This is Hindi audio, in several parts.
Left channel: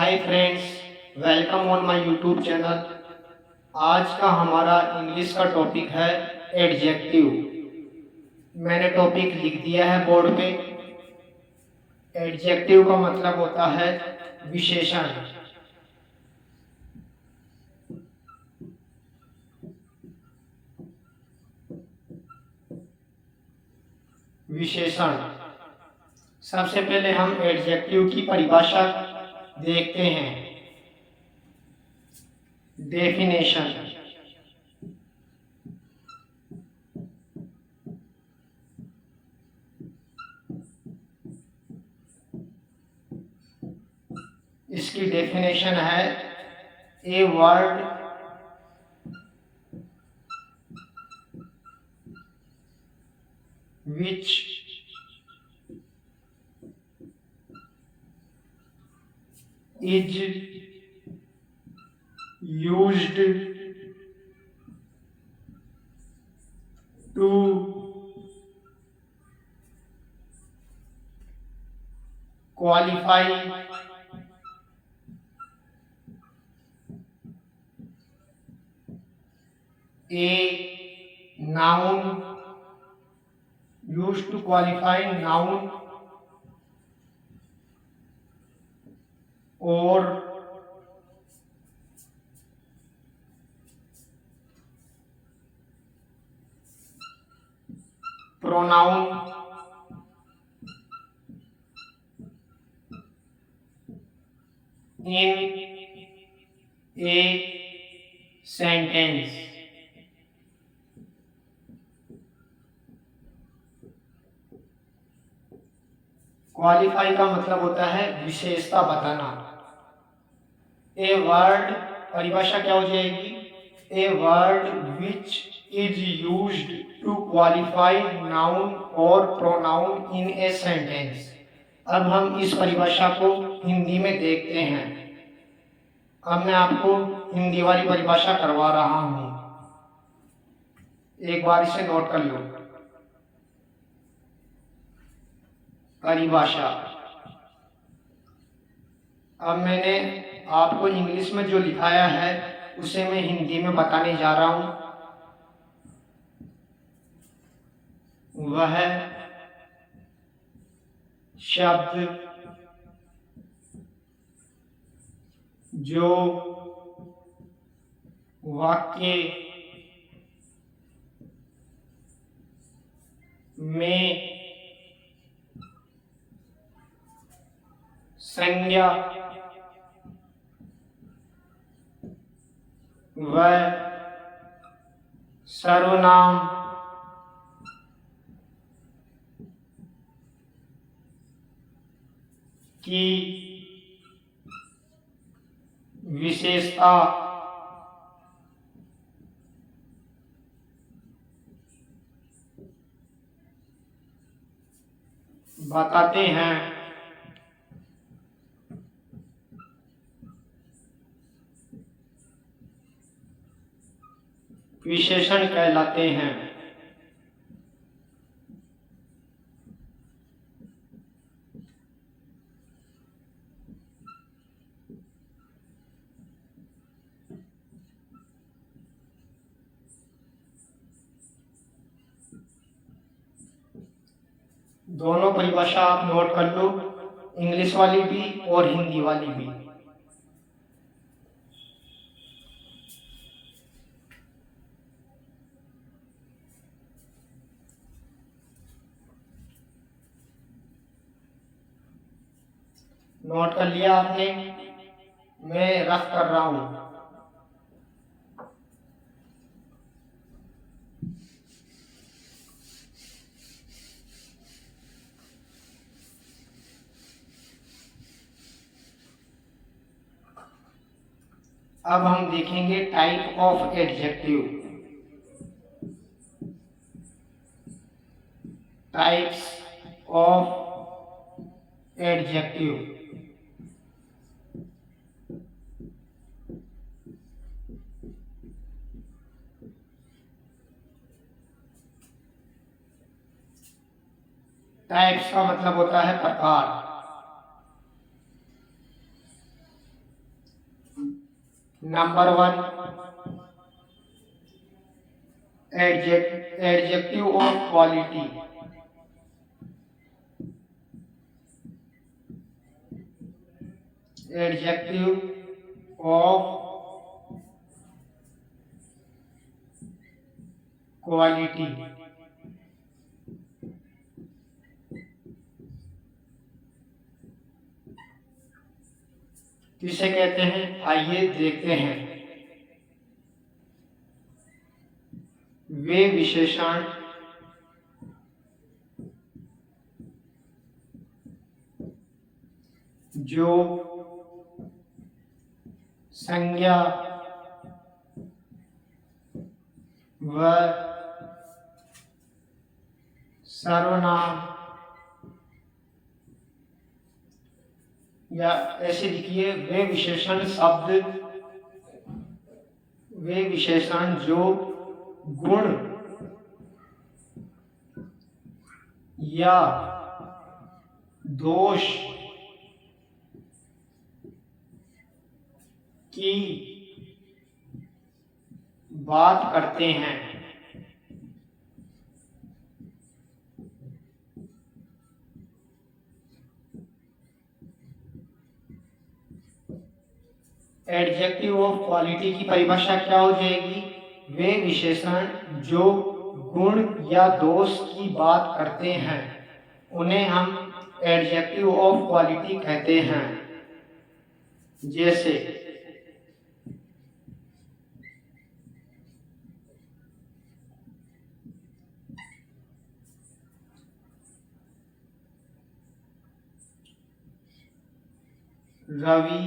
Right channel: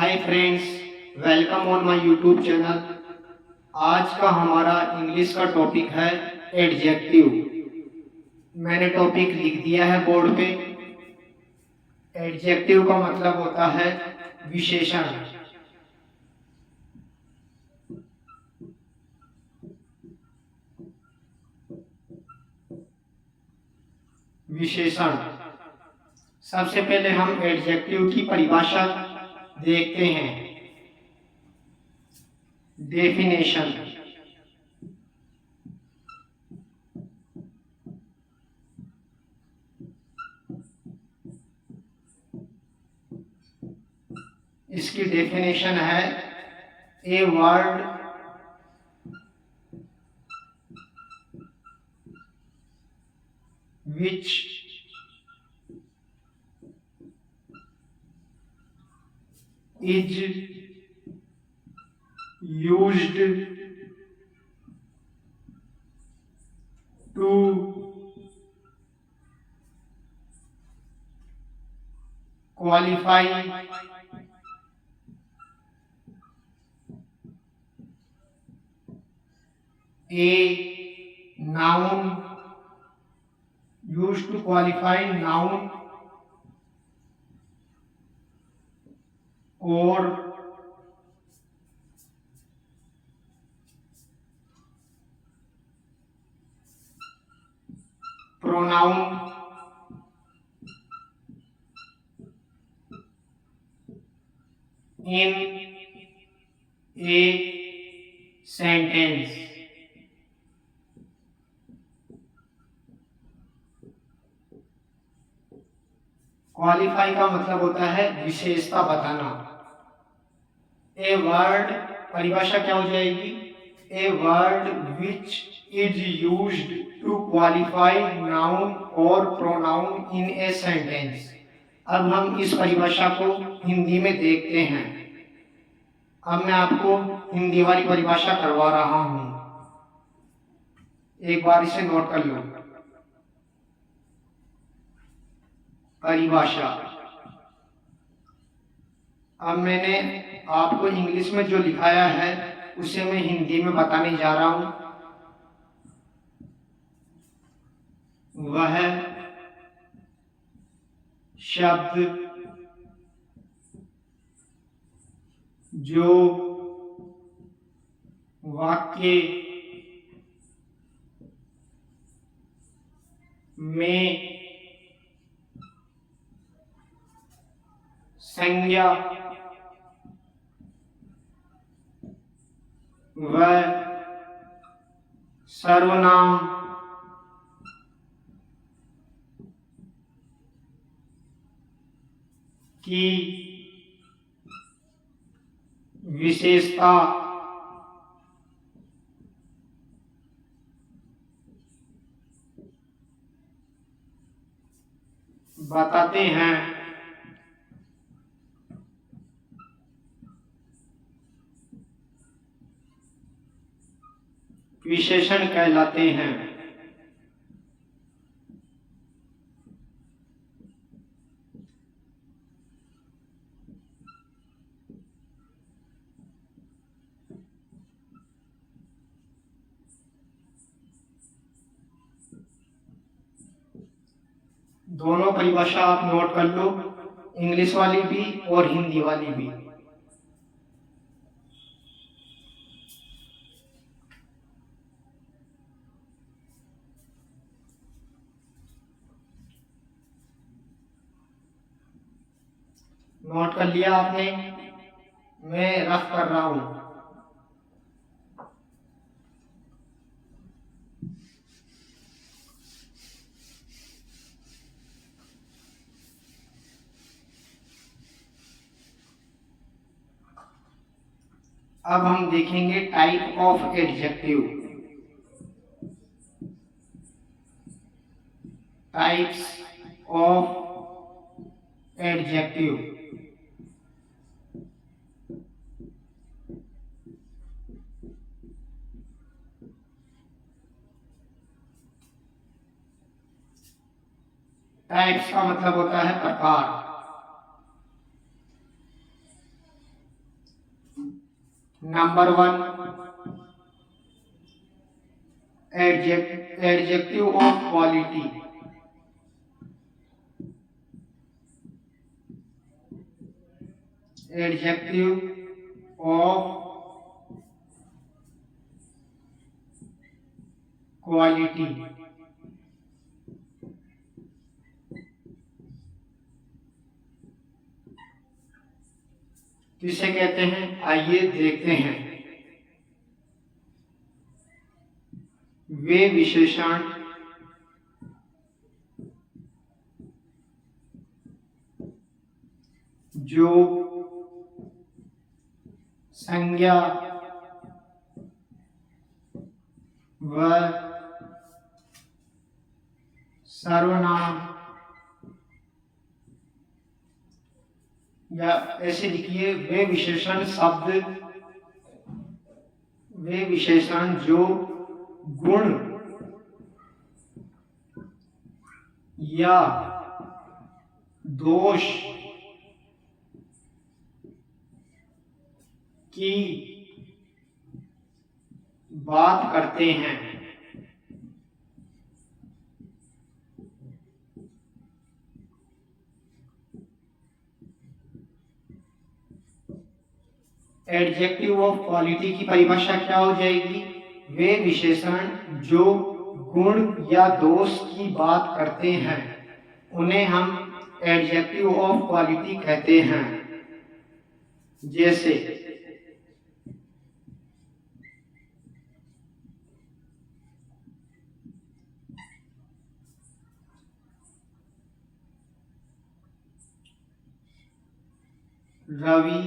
Hi friends, welcome on my YouTube channel. आज का हमारा इंग्लिश का टॉपिक है एडजेक्टिव। मैंने टॉपिक लिख दिया है बोर्ड पे। एडजेक्टिव का मतलब होता है विशेषण। विशेषण। सबसे पहले हम एडजेक्टिव की परिभाषा देखते हैं। डेफिनेशन। इसकी डेफिनेशन है a word which is used to qualify a noun, used to qualify noun or pronoun in a sentence। Qualify का मतलब होता है विशेषता बताना। ए वर्ड, परिभाषा क्या हो जाएगी? A word which is used to qualify noun और प्रोनाउन इन ए सेंटेंस। अब हम इस परिभाषा को हिंदी में देखते हैं। अब मैं आपको हिंदी वाली परिभाषा करवा रहा हूं, एक बार इसे नोट कर लो। परिभाषा। अब मैंने आपको इंग्लिश में जो लिखाया है उसे मैं हिंदी में बताने जा रहा हूं। वह शब्द जो वाक्य में संज्ञा व सर्वनाम की विशेषता बताते हैं। विशेषण कहलाते हैं। दोनों परिभाषा आप नोट कर लो, इंग्लिश वाली भी और हिंदी वाली भी। नोट कर लिया आपने? मैं रफ कर रहा हूं। अब हम देखेंगे type of adjective. Types of adjective. Types का मतलब होता है प्रकार। Number one, adjective of quality. Adjective of quality. किसे कहते हैं, आइए देखते हैं। वे विशेषण जो संज्ञा व सर्वनाम, या ऐसे लिखिए, वे विशेषण जो गुण या दोष की बात करते हैं। एडजेक्टिव ऑफ क्वालिटी की परिभाषा क्या हो जाएगी, वे विशेषण जो गुण या दोष की बात करते हैं उन्हें हम एडजेक्टिव ऑफ क्वालिटी कहते हैं। जैसे Ravi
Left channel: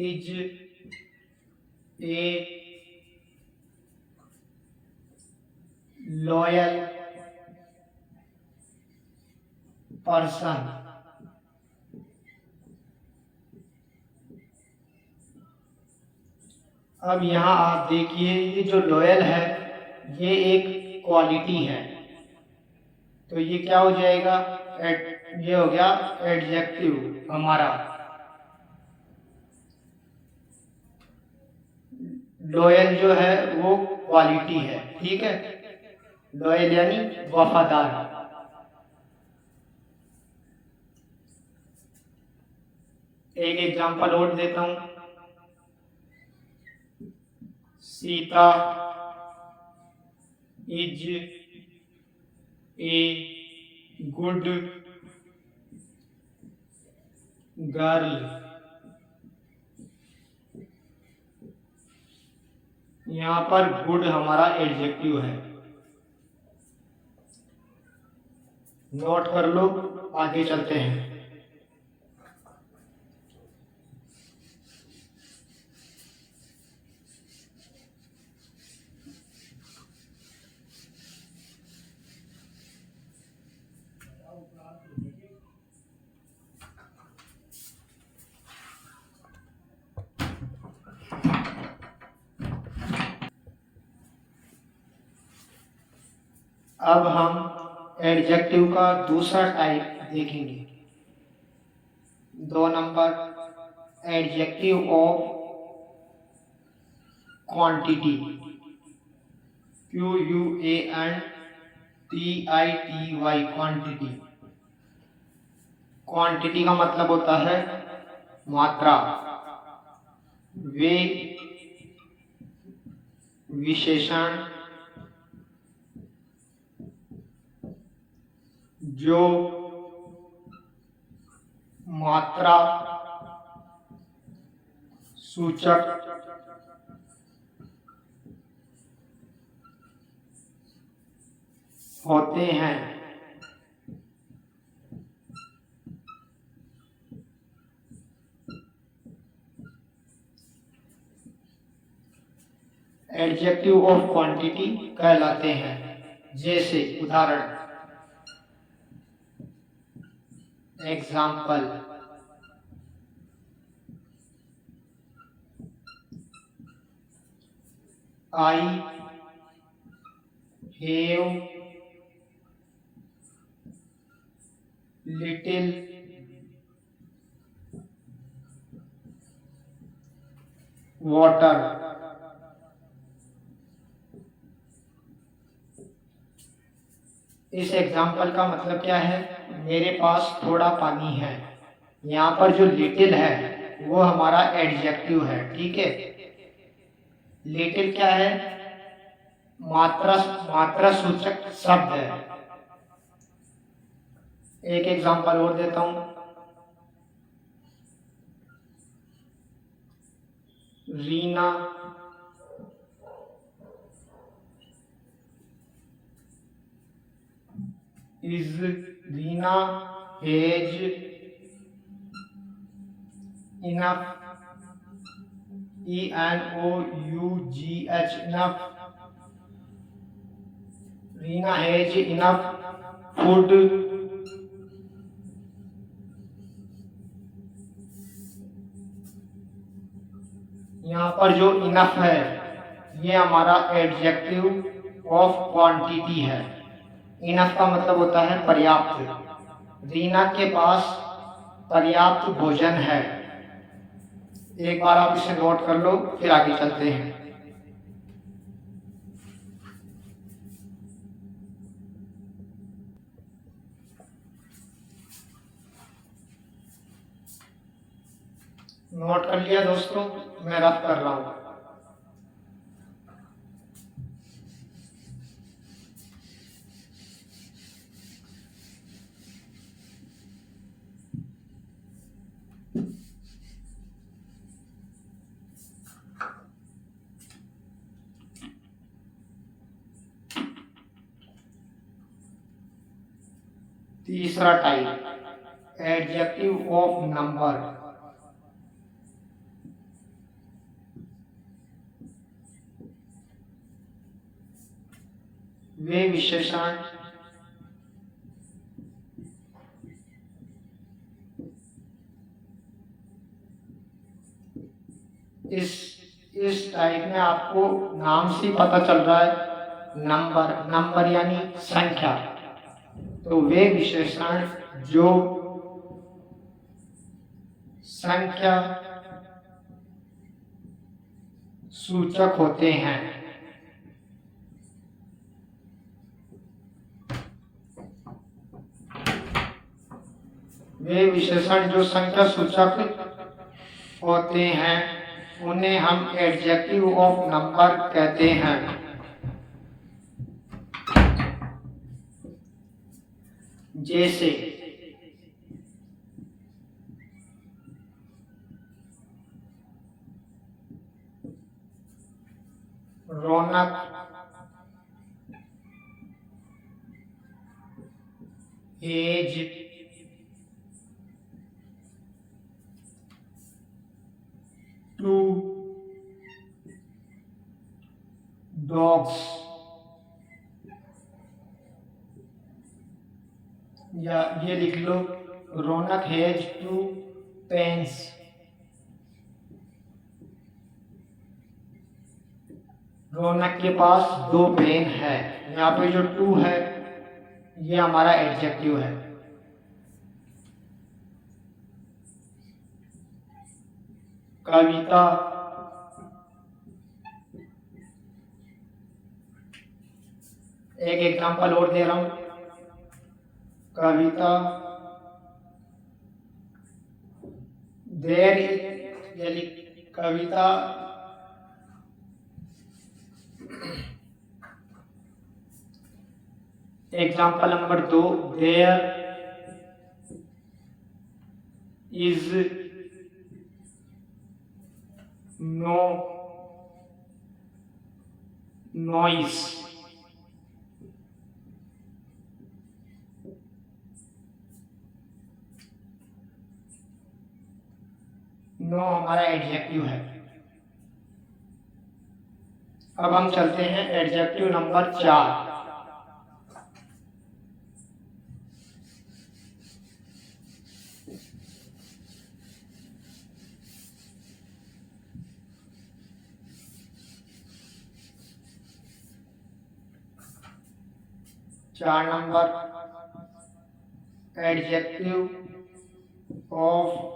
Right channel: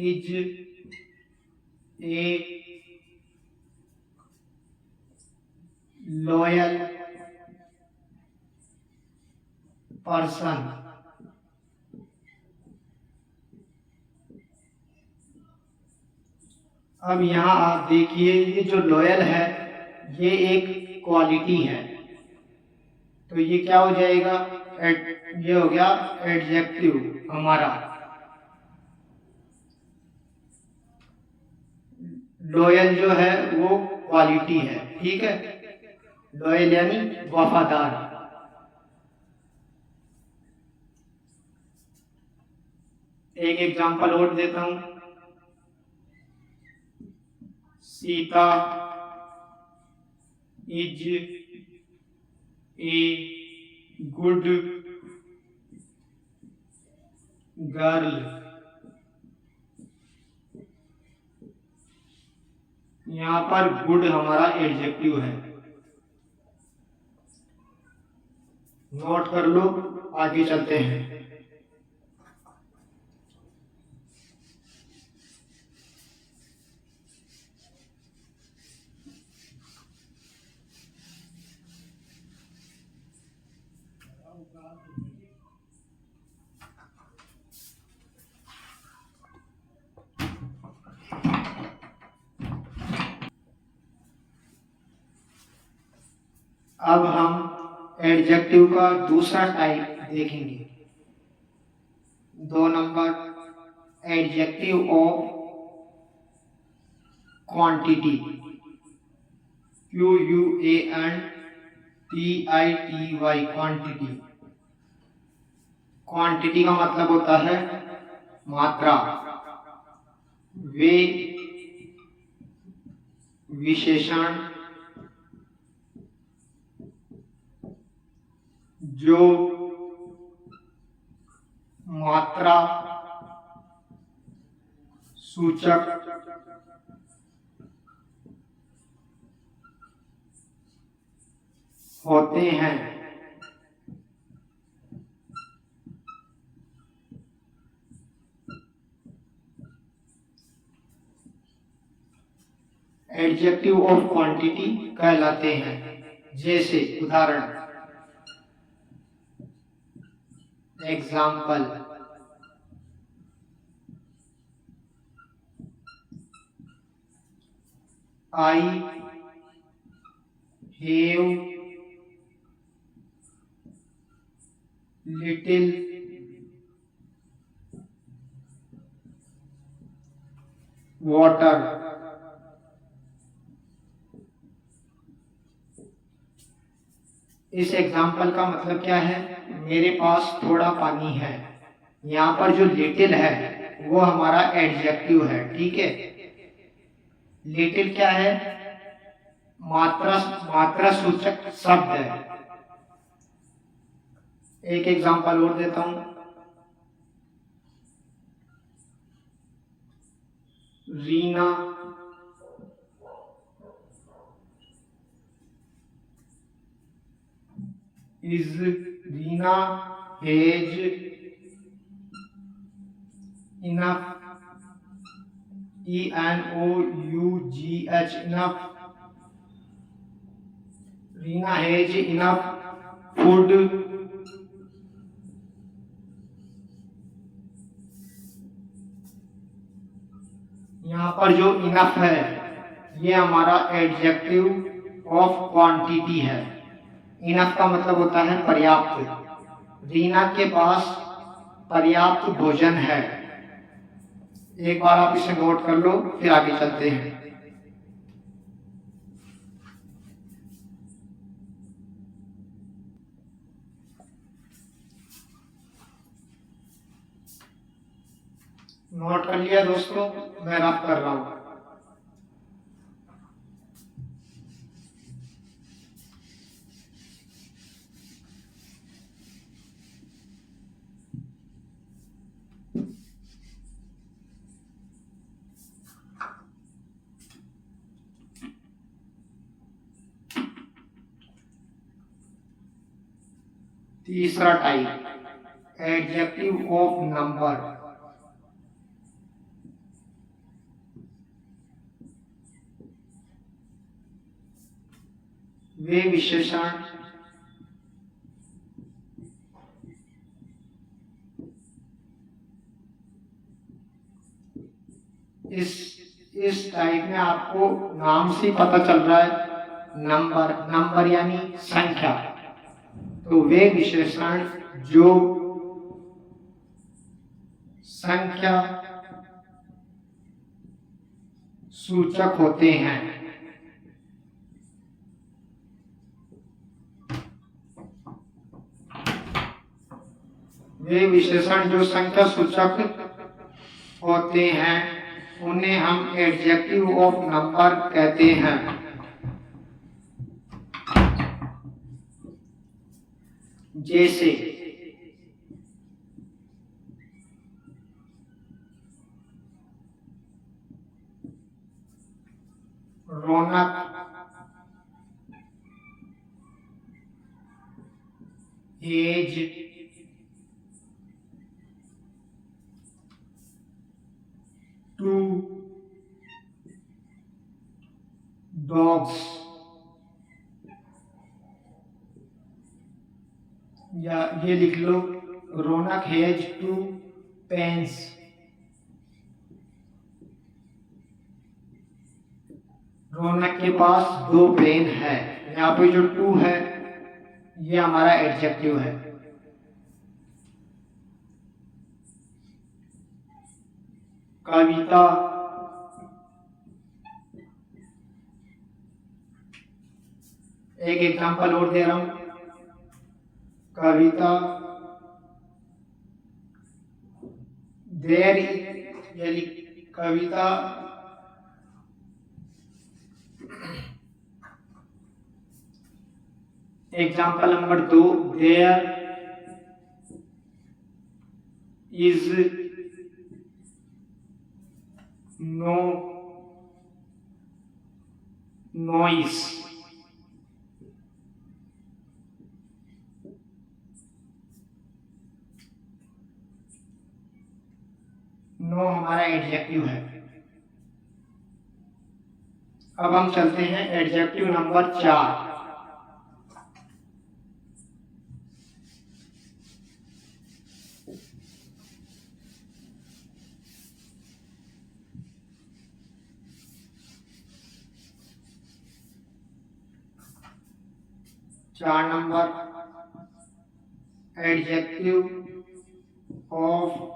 is a loyal person। अब यहाँ आप देखिए, ये जो लॉयल है ये एक क्वालिटी है, तो ये क्या हो जाएगा, ये हो गया एडजेक्टिव हमारा। लॉयल जो है वो क्वालिटी है, ठीक है। लॉयल यानी वफादार। एक एग्जांपल और देता हूं, Sita is a good girl. यहाँ पर गुड हमारा एडजेक्टिव है, नोट कर लो। आगे चलते हैं। अब हम एडजेक्टिव का दूसरा टाइप देखेंगे। 2 number, adjective of quantity. QUANTITY, quantity. Quantity का मतलब होता है मात्रा। वे विशेषण जो मात्रा सूचक होते हैं। एडजेक्टिव ऑफ क्वांटिटी कहलाते हैं। जैसे उदाहरण, example, I have little water. इस एग्जाम्पल का मतलब क्या है? मेरे पास थोड़ा पानी है। यहाँ पर जो लिटिल है वो हमारा एडजेक्टिव है, ठीक है। लिटिल क्या है? मात्रा मात्रा सूचक शब्द है। एक एग्जाम्पल और देता हूं। Reena is Reena has enough, ENOUGH, enough. Reena has enough food. यहाँ पर जो इनफ है ये हमारा एडजेक्टिव ऑफ क्वांटिटी है। इनफ का मतलब होता है पर्याप्त। रीना के पास पर्याप्त भोजन है। एक बार आप इसे नोट कर लो, फिर आगे चलते हैं। नोट कर लिया दोस्तों? मैं रब कर रहा हूं। तीसरा टाइप, एडजेक्टिव ऑफ नंबर। वे विशेषण इस टाइप में आपको नाम से पता चल रहा है नंबर। नंबर यानी संख्या। तो वे विशेषण जो संख्या सूचक होते हैं, वे विशेषण जो संख्या सूचक होते हैं उन्हें हम एडजेक्टिव ऑफ नंबर कहते हैं। जैसे रौनक, एज, टू, डॉग्स, या ये लिख लो, रौनक हैज 2 पेन्स। रौनक के पास 2 पेन है। यहाँ पे जो 2 है ये हमारा एडजेक्टिव है। कविता, एक एग्जांपल और दे रहा हूं। कविता देर, यानी कविता example number 2, there is no noise. No हमारा एडजेक्टिव है। अब हम चलते हैं एडजेक्टिव नंबर 4। चार नंबर, adjective of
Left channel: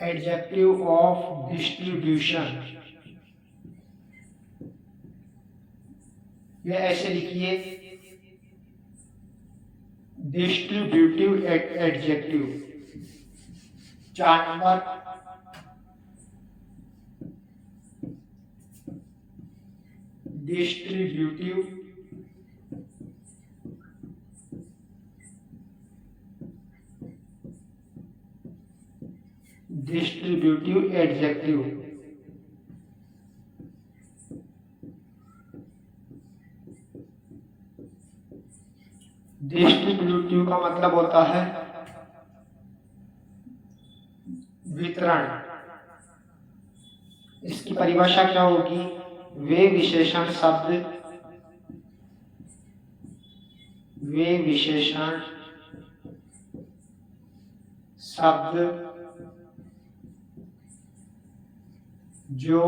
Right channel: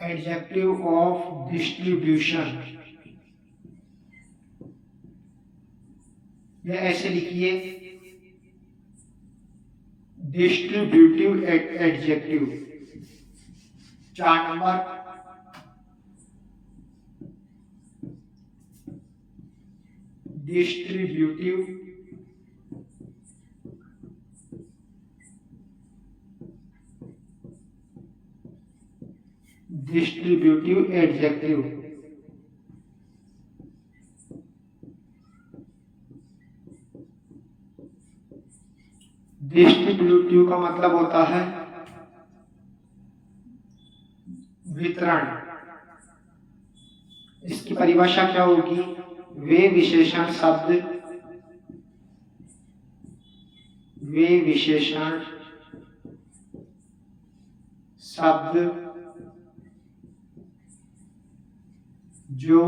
adjective of distribution, या ऐसे लिखिए distributive adjective. 4 number distributive adjective. Distributive का मतलब होता है वितरण। इसकी परिभाषा क्या होगी? वे विशेषण शब्द जो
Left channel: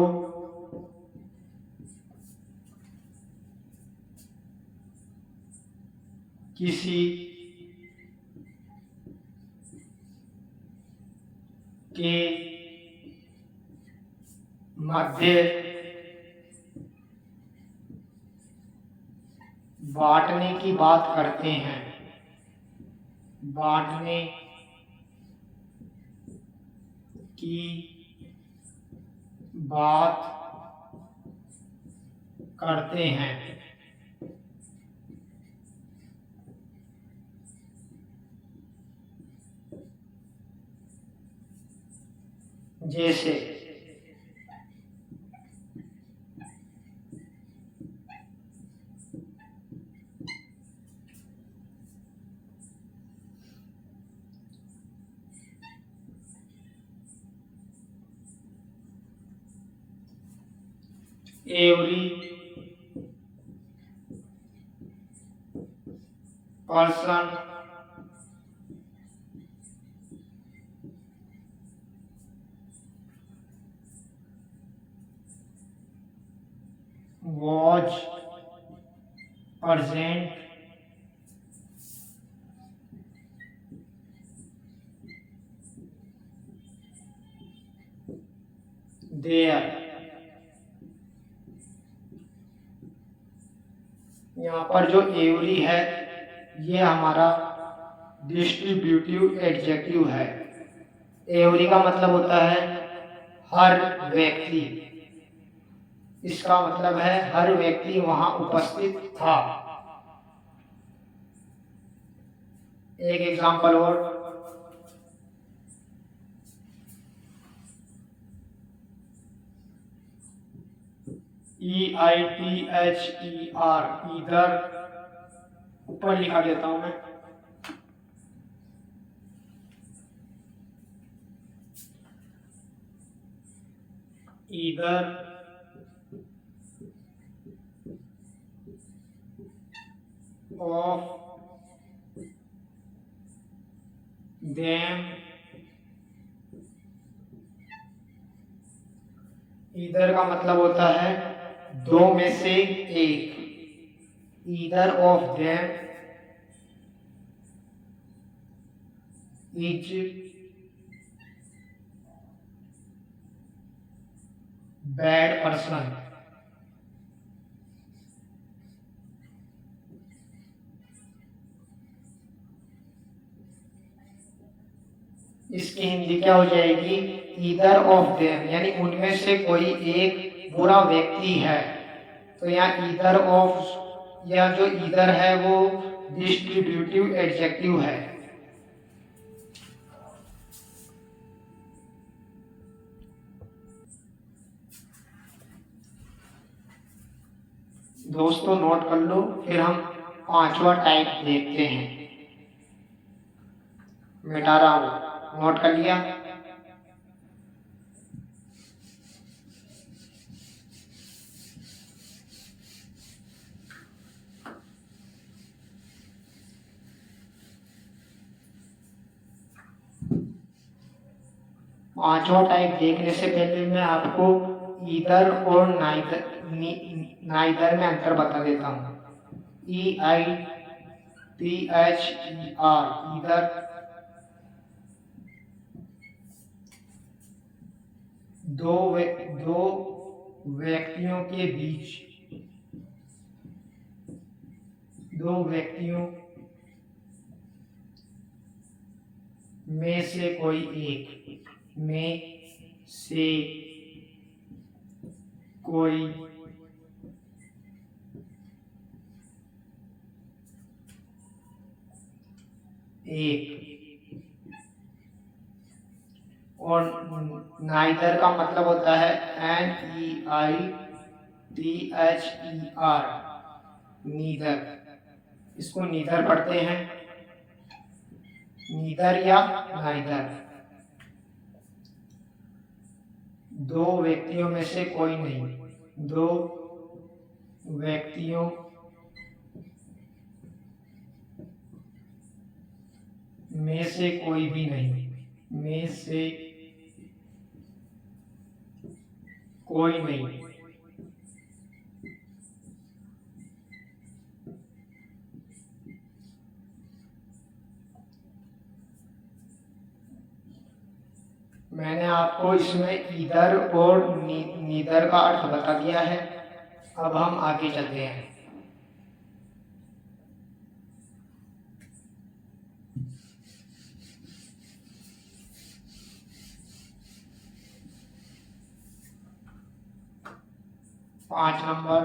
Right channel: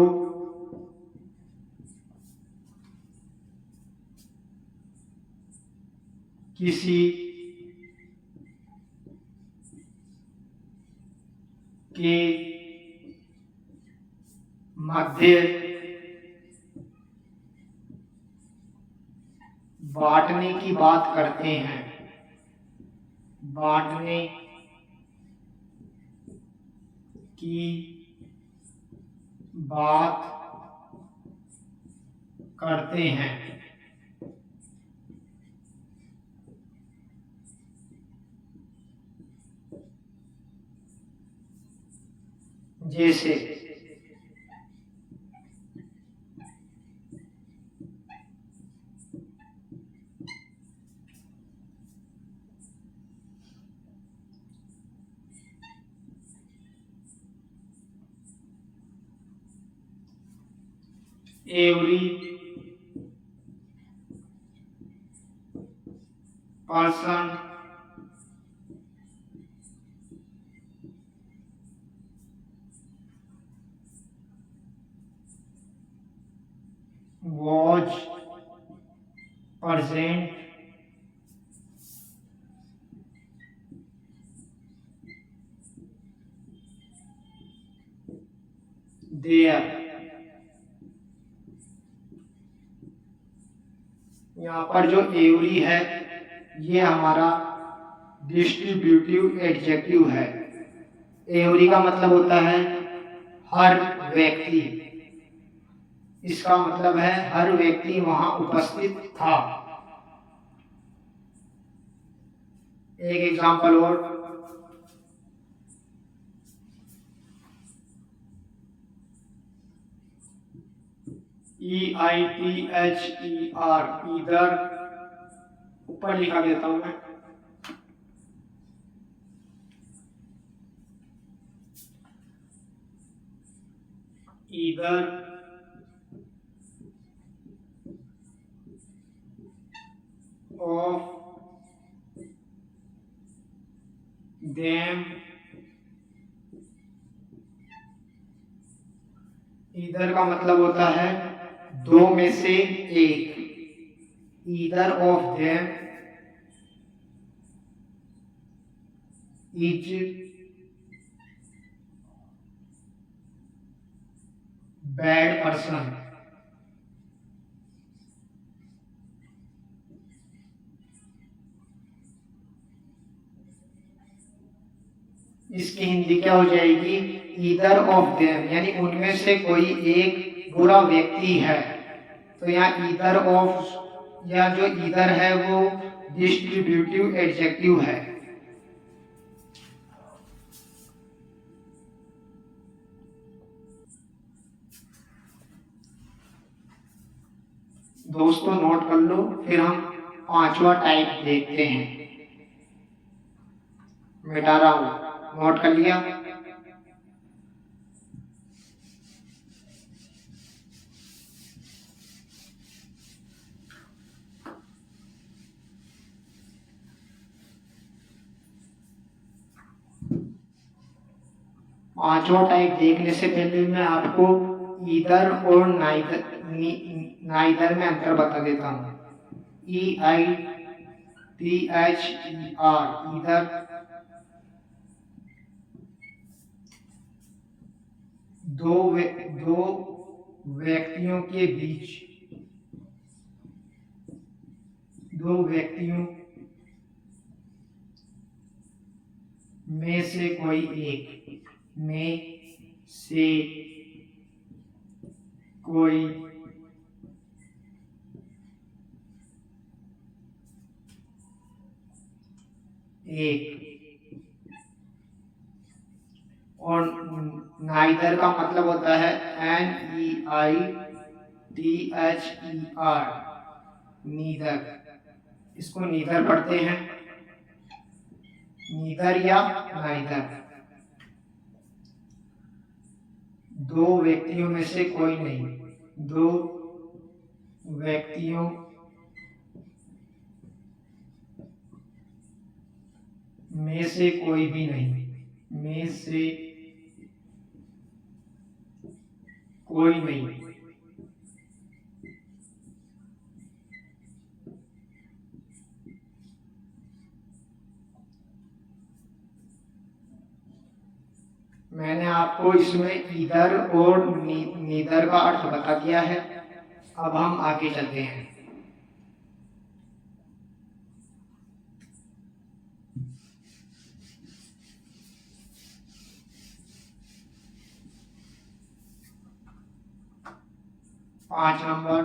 किसी के मध्य बांटने की बात करते हैं, बांटने की बात करते हैं। जैसे every person was present there। यहाँ पर जो एवरी है ये हमारा डिस्ट्रीब्यूटिव एडजेक्टिव है। एवरी का मतलब होता है हर व्यक्ति। इसका मतलब है हर व्यक्ति वहां उपस्थित था। एक एग्जांपल और, EITHER, इधर ऊपर लिखा देता हूं मैं, इधर ऑफ देम, इधर का मतलब होता है दो में से एक। Either of them is bad person. इसकी हिंदी क्या हो जाएगी? ईदर ऑफ देम, यानी उनमें से कोई एक बुरा व्यक्ति है। तो यहाँ ईदर ऑफ या जो ईदर है वो डिस्ट्रीब्यूटिव एडजेक्टिव है। दोस्तों नोट कर लो, फिर हम 5वां टाइप देखते हैं। मिटा रहा हूं, नोट कर लिया? पांचवा टाइप देखने से पहले मैं आपको ईदर और नाइदर में अंतर बता देता हूँ। EITHER, ईदर दो व्यक्तियों के बीच, दो व्यक्तियों में से कोई एक, में से कोई एक। और नाइदर का मतलब होता है NEITHER, नीदर। इसको नीदर पढ़ते हैं, नीदर या नाइदर। दो व्यक्तियों में से कोई नहीं, दो व्यक्तियों में से कोई भी नहीं, में से कोई नहीं। मैंने आपको इसमें ईदर और नीदर का अर्थ बता दिया है। अब हम आगे चलते हैं। पांच नंबर,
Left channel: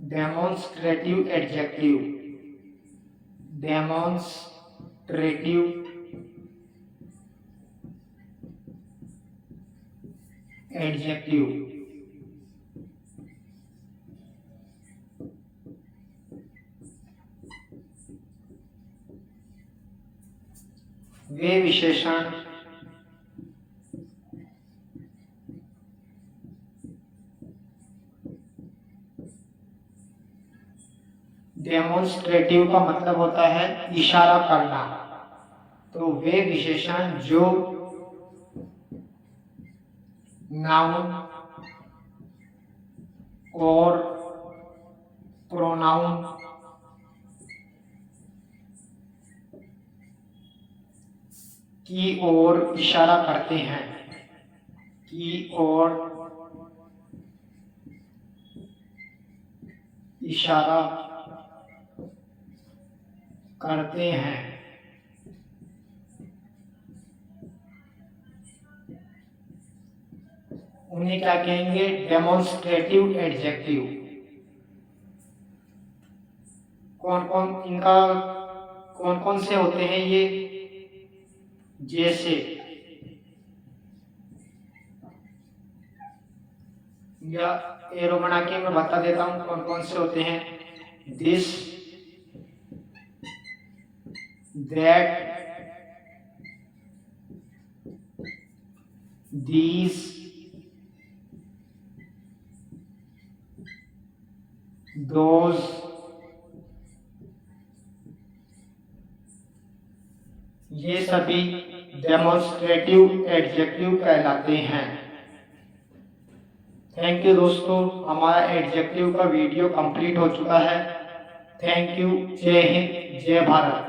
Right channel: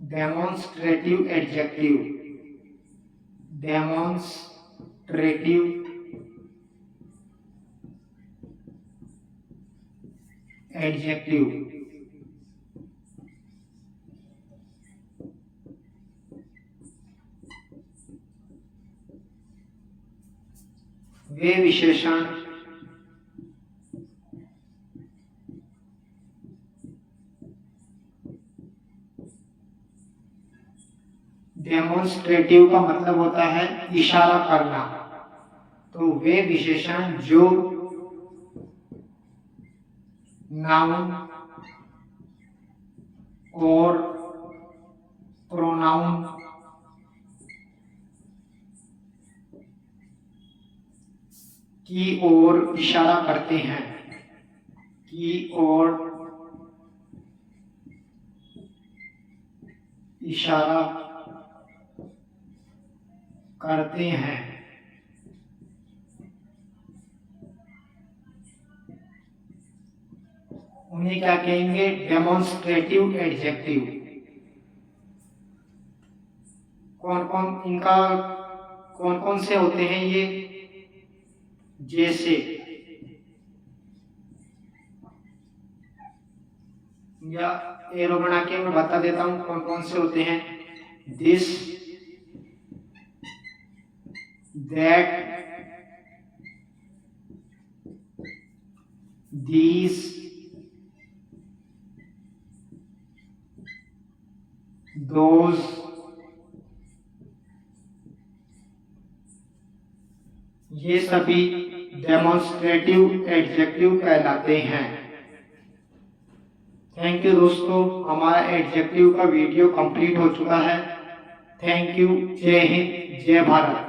डेमोन्स्ट्रेटिव एडजेक्टिव। Demonstrative adjective. वे विशेषण डेमोन्स्ट्रेटिव का मतलब होता है इशारा करना। तो वे विशेषण जो नाउन और प्रोनाउन की ओर इशारा करते हैं, की ओर इशारा करते हैं, उन्हें क्या कहेंगे? Demonstrative adjective. कौन कौन से होते हैं ये? जैसे, या एरो बना के मैं बता देता हूं कौन कौन से होते हैं। दिस, दैट, these, those, ये सभी डेमोन्स्ट्रेटिव एडजेक्टिव कहलाते हैं। थैंक यू दोस्तों, हमारा एडजेक्टिव का वीडियो कंप्लीट हो चुका है। Thank you. जय हिंद, जय भारत।